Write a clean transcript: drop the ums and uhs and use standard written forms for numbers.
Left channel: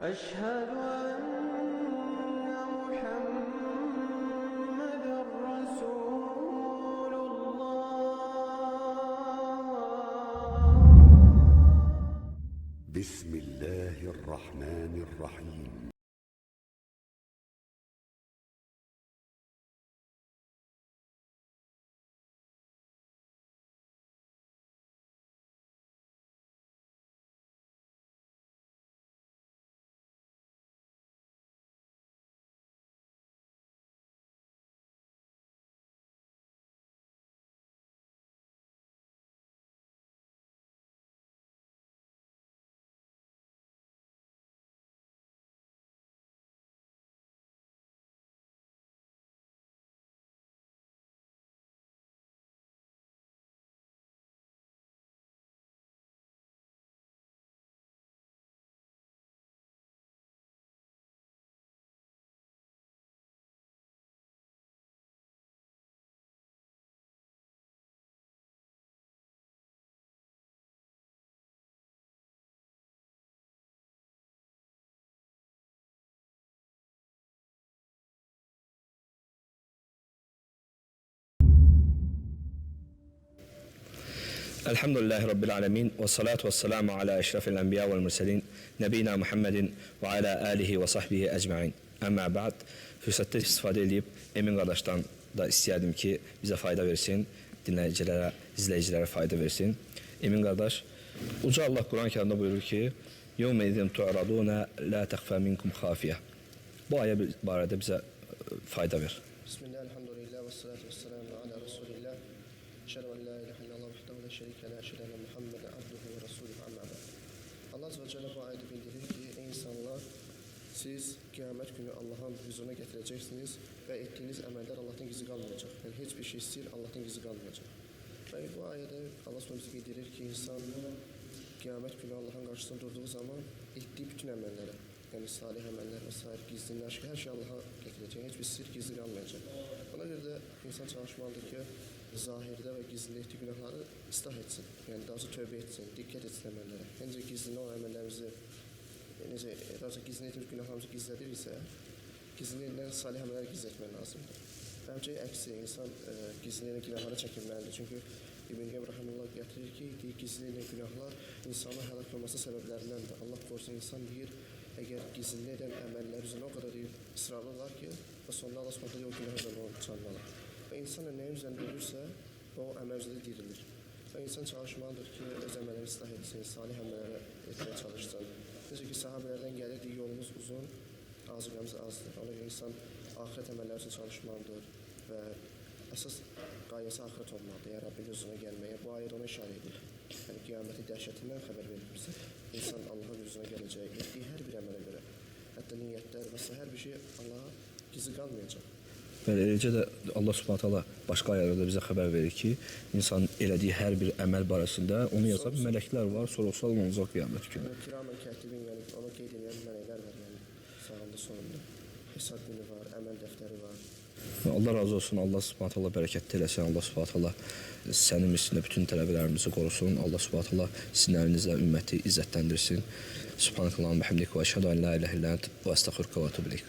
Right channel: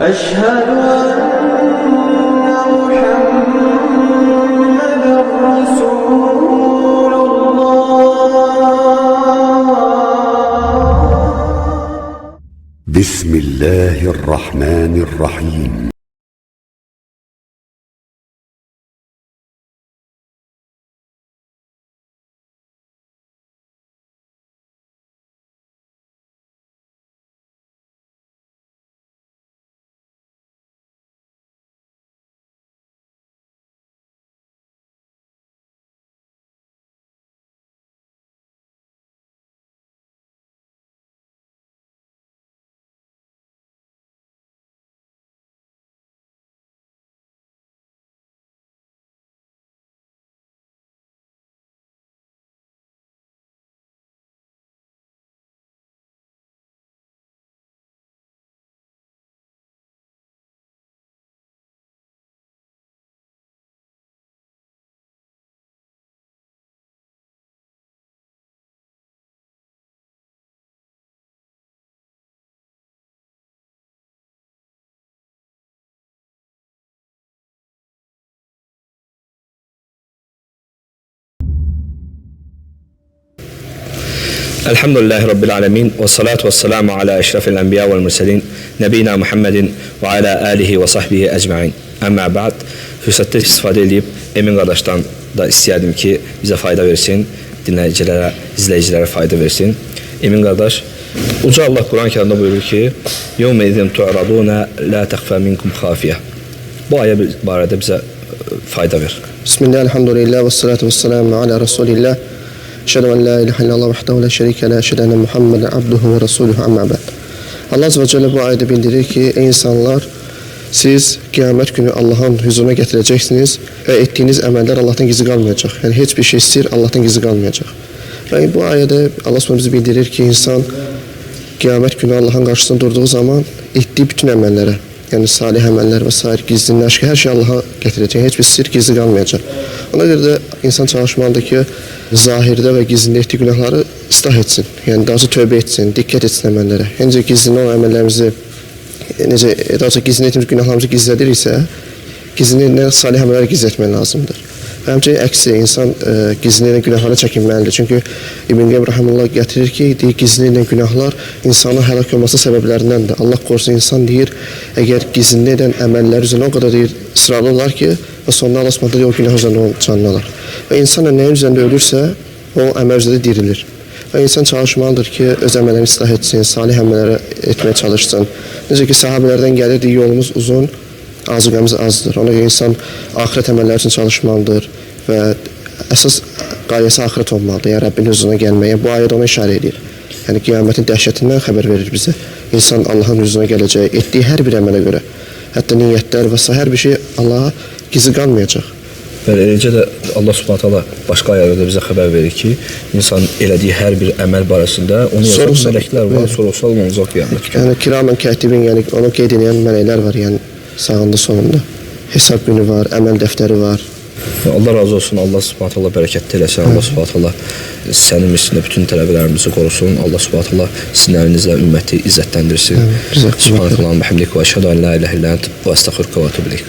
أشهد أن محمدًا رسول الله. بسم الله الرحمن الرحيم. Elhamdülillahi Rabbil alemin ve salatu ve selamu ala eşrafil enbiya vel murselin nebina Muhammedin ve ala alihi ve sahbihi ecmain. Amma ba'd, fürsətdə istifadə edib Emin qardaşdan da istəyərdim ki, bizə fayda versin, dinləyicilərə, izləyicilərə fayda versin. Emin qardaş, Uca Allah Quran-ı Kərimdə buyurur ki, "Yevmə izin tu'raduna la təxfə minkum xafiyyə." Bu ayə barədə bizə fayda ver. Bismillah, elhamdülillah və salatu və selamu ala Rasulillah. Əşhədu en la ilahe illallah vahdehu la şerike le, əşhədu enne Muhammeden abduhu ve rasuluhu, amma ba'd. Allah Azze ve Celle bu ayette bildirir ki, ey insanlar, siz kıyamet günü Allah'ın huzuruna getireceksiniz ve ettiğiniz emeller Allah'tan gizli kalmayacak. Yani hiçbir şey sir Allah'tan gizli kalmayacak. Yani bu ayette Allah Subhanahu bizi bildirir ki, insan kıyamet günü Allah'ın karşısında durduğu zaman ettiği bütün emellere, yani salih emeller vesaire, gizlinin aşkı, her şey Allah'a getirecek. Hiçbir sir gizli kalmayacak. Ona göre de insan çalışmalıdır ki, zahirde ve gizlinde ettiği günahları ıslah etsin. Yani daha çok tövbe etsin, dikkat etsin emellere. Hence gizlinde olan emellerimizi, daha çok gizlinde ettiğimiz günahlarımızı gizledir ise, gizlinde salih emeller gizletmen lazımdır. Həmçinin əksi, insan gizlində günahlara çəkinməlidir. Çünki İbn Qeym Rahimullah gətirir ki, deyir, gizlində günahlar insanın həlak olması səbəblərindəndir. Allah qorusun, insan deyir, əgər gizlində edən əməllər üzrə o qədər deyir, ısrarlı olar ki, və sonunda Allah Subhanahu deyir, o günah üzərində canını alır. Və insan nəyin üzərində ölürsə, o əməl üzərində dirilir. Və insan çalışmalıdır ki, öz əməllərini ıslah etsin, salih əməlləri etməyə çalışsın. Necə ki, sahabələrdən gəlirdi, yolumuz uzun, azıqəmiz azdır. Ona görə insan axirət əməlləri üçün çalışmalıdır və əsas qayəsi axirət olmalıdır. Yəni Rəbbin huzuruna gəlməyə. Bu ayədə ona işarə edir. Yəni qiyamətin dəhşətindən xəbər verir bizə. İnsan Allahın huzuruna gələcək, etdiyi hər bir əmələ görə, hətta niyyətlər və s. hər bir şey Allaha gizli qalmayacaq. Bəli, eləcə də Allah Subhanahu taala başqa ayələrdə bizə xəbər verir ki, insan elədiyi hər bir əməl barəsində onu yazan mələklər var, sorğu-sual olunacaq qiyamət günü. Yəni kiramən kətibin, yəni onu qeyd edən mələklər var, yəni sağında sonunda. Hesab günü var, əməl dəftəri var. Allah razı olsun, Allah Subhanahu taala bərəkətli eləsin, Allah Subhanahu taala sənin üstündə bütün tələbələrimizi qorusun, Allah Subhanahu taala sizin əlinizlə ümməti izzətləndirsin. Subhanallah və bihamdihi və əşhədu en la ilahe illə ente və estəğfiruke və etûbü ileyk.